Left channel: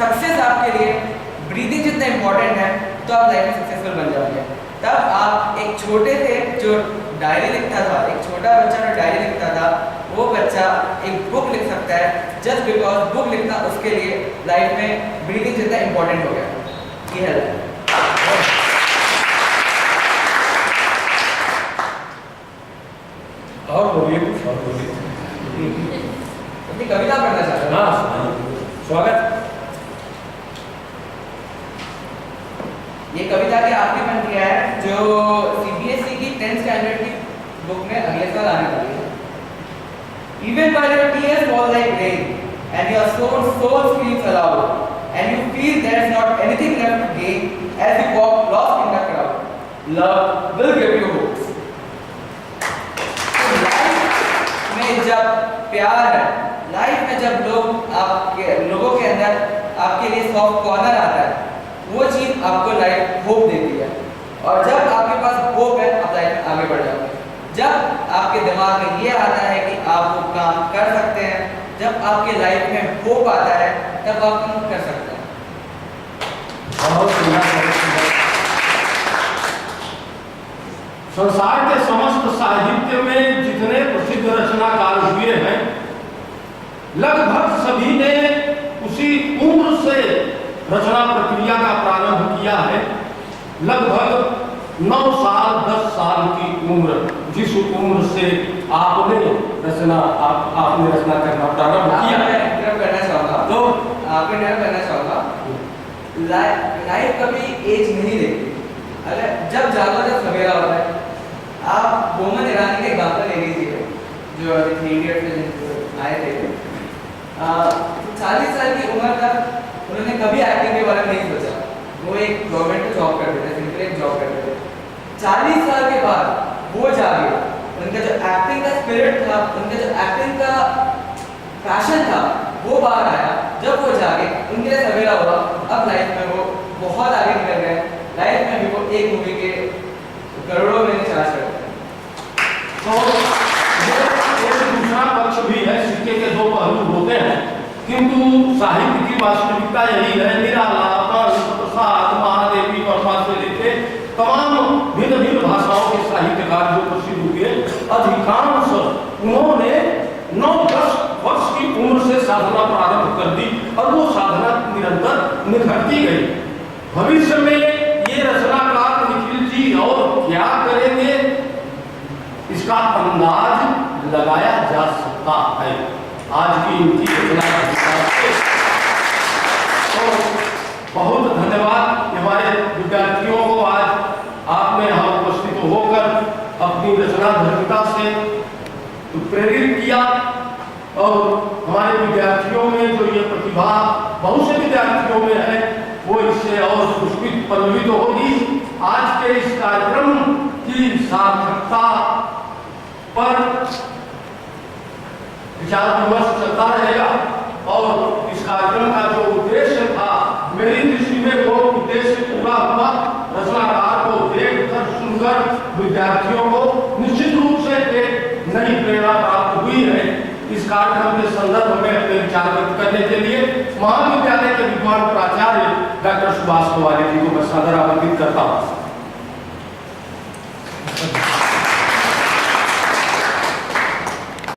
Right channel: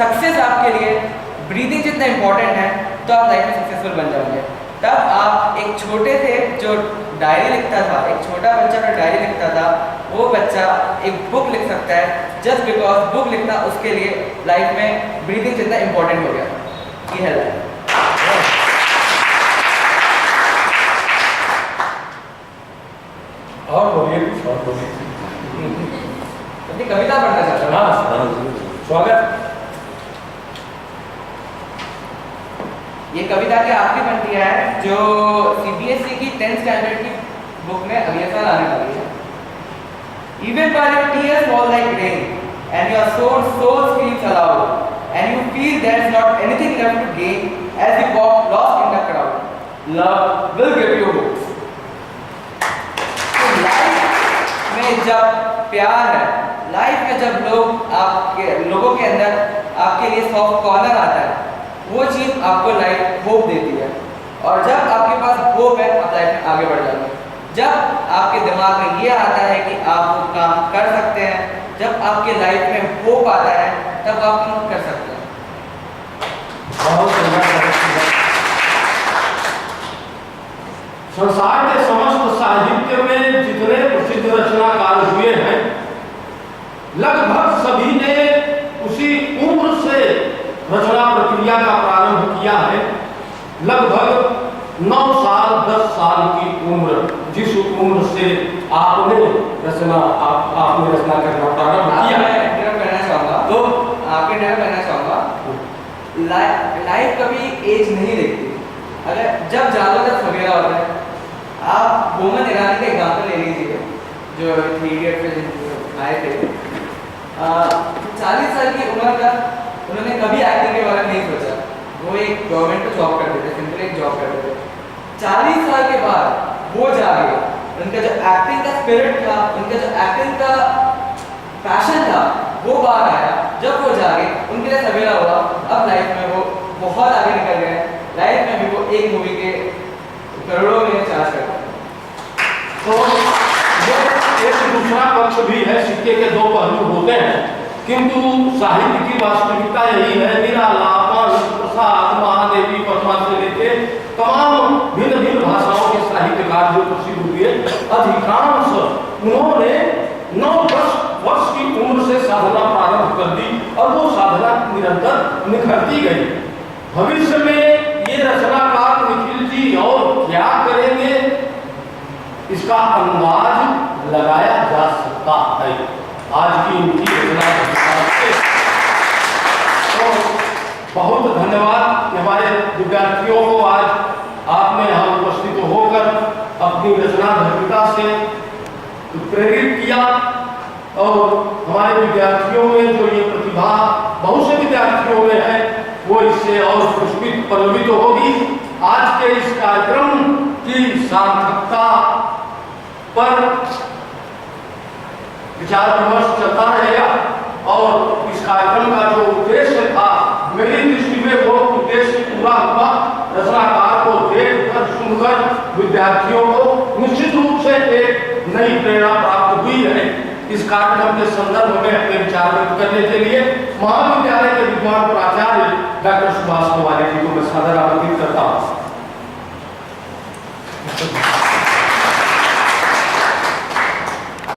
Success आपके लिए breathing जितना इम्पोर्टेंट है तो आप लाइफ में सक्सेसफुल बन जाओगे। तब आप एक छोटे से जो डायरी लिखता था, एक छोटा बच्चा जो डायरी लिखता था, वो बच्चा एक बुक लिख सकता है जस्ट बिकॉज बुक लिखना उसके लिए लाइफ में ब्रीदिंग जितना इम्पोर्टेंट हो गया। ये है और बोलिए कुछ और बोलिए। अपनी कविता पढ़ना चाहता हूँ। हाँ, स्वागत। ये कविता के आखिरी पंक्ति है जो सीबीएसई की 10th स्टैंडर्ड की बुक में अगले साल आने वाली है। Even while your tears fall like rain and your soul screams aloud and you feel there's not anything left to gain as you walk lost in the crowd, love will give you hope. तो life में जब प्यार है, life में जब लोगों के अंदर आपके लिए सॉफ्ट कॉर्नर आता है, वो चीज़ आपको लाइफ होप देती है। और जब आपके पास होप है आप लाइफ में आगे बढ़ जाओगे। जब आपके दिमाग में ये आता है कि आप वो काम कर सकते हैं, जब आपके लाइफ में होप आता है तब आप काम कर सकते हैं। संसार के समस्त साहित्य में जितने प्रसिद्ध रचनाकार हुए हैं, लगभग सभी ने उसी उम्र से रचना प्रक्रिया का प्रारंभ किया है। लगभग 9 साल 10 साल की उम्र, जिस उम्र से आपने रचना करना प्रारंभ किया है। करना चाहूँगा तो आपके कहना चाहूँगा लाइफ कभी एज नहीं देखती। अगर जब जागो जब सवेरा होता है। आप मोहम्मद ईरानी का एग्जाम्पल ले लीजिए जो 3 इडियट्स में आए थे। 40 साल की उम्र तक उन्होंने कभी एक्टिंग के बारे में नहीं सोचा। वो एक गवर्नमेंट को जॉब करते थे, सिंपल एक जॉब करते थे। 40 साल के बाद वो जागे, उनका जो एक्टिंग का स्पिरिट था, उनका जो एक्टिंग का पैशन था, वो बाहर आया। जब वो जागे, उनके लिए सवेरा हुआ। अब लाइफ में वो बहुत आगे निकल गए। लाइफ में भी वो एक मूवी के करोड़ों में चार्ज करते हैं। तो ये एक दूसरा पक्ष भी है, सिक्के के 2 पहलू होते हैं, किंतु साहित्य की वास्तविकता यही है। निरालापन, प्रसाद, महादेवी वर्मा से लेके तमाम भिन्न भिन्न भाषाओं के साहित्यकार जो प्रसिद्ध हुए, अधिकांश उन्होंने 9-10 वर्ष की उम्र से साधना प्रारंभ कर दी और वो साधना निरंतर निखरती गई। भविष्य में ये रचनाकार निखिल जी और क्या करेंगे, इसका अंदाज लगाया जा सकता है आज की इनकी रचना के। तो बहुत धन्यवाद हमारे विद्यार्थियों को, आज आपने यहाँ उपस्थित होकर अपनी रचना धर्मिता से प्रेरित किया और हमारे विद्यार्थियों में जो ये प्रतिभा बहुत से विद्यार्थियों में है वो इससे और पुष्पित पल्लवित होगी। आज के इस कार्यक्रम की सार्थकता पर विचार विमर्श चलता रहेगा और इस कार्यक्रम का जो उद्देश्य था, मेरी दृष्टि में वो उद्देश्य पूरा हुआ। रचनाकार को देखकर सुनकर विद्यार्थियों को निश्चित रूप से एक नई प्रेरणा प्राप्त हुई है। इस कार्यक्रम के संदर्भ में अपने विचार व्यक्त करने के लिए महाविद्यालय के विद्वान प्राचार्य डॉक्टर सुभाष पवारी जी को मैं सादर आमंत्रित करता हूँ।